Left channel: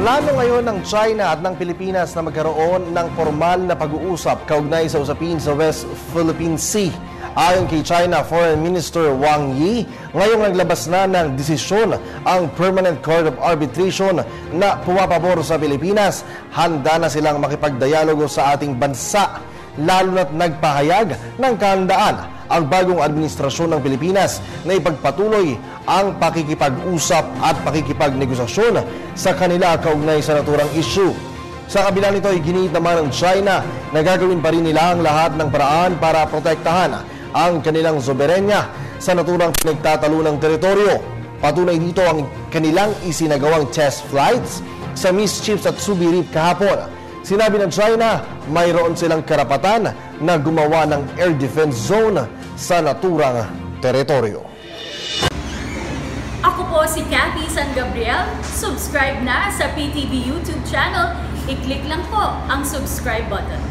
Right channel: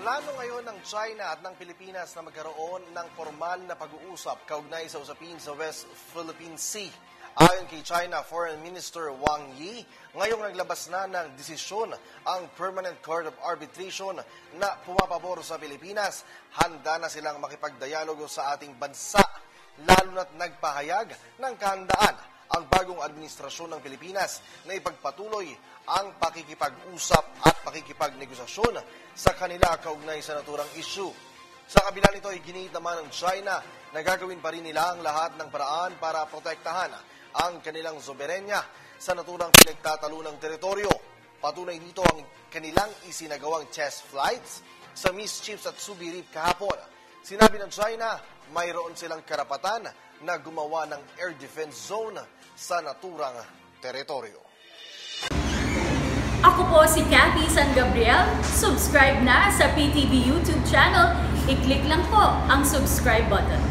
Plano ngayon ng China at ng Pilipinas na magkaroon ng formal na pag-uusap kaugnay sa usapin sa West Philippine Sea. Ayon kay China Foreign Minister Wang Yi, ngayong naglabas na ng desisyon ang Permanent Court of Arbitration na pumapabor sa Pilipinas. Handa na silang makipagdialogo sa ating bansa, lalo na't nagpahayag ng kahandaan ang bagong administrasyon ng Pilipinas na ipagpatuloy ang pakikipag-usap at pakikipagnegosasyon sa kanila kaugnay sa naturang issue. Sa kabila nito, iginiit naman ng China na gagawin pa rin nila ang lahat ng paraan para protektahan ang kanilang soberenya sa naturang pinagtatalunang teritoryo. Patunay dito ang kanilang isinagawang test flights sa Mischiefs at Subi Reef kahapon. Sinabi ng China, mayroon silang karapatan na gumawa ng air defense zone sa naturang teritoryo. Ako po si Cathy San Gabriel. Subscribe na sa PTV YouTube channel. I-click lang po ang subscribe button.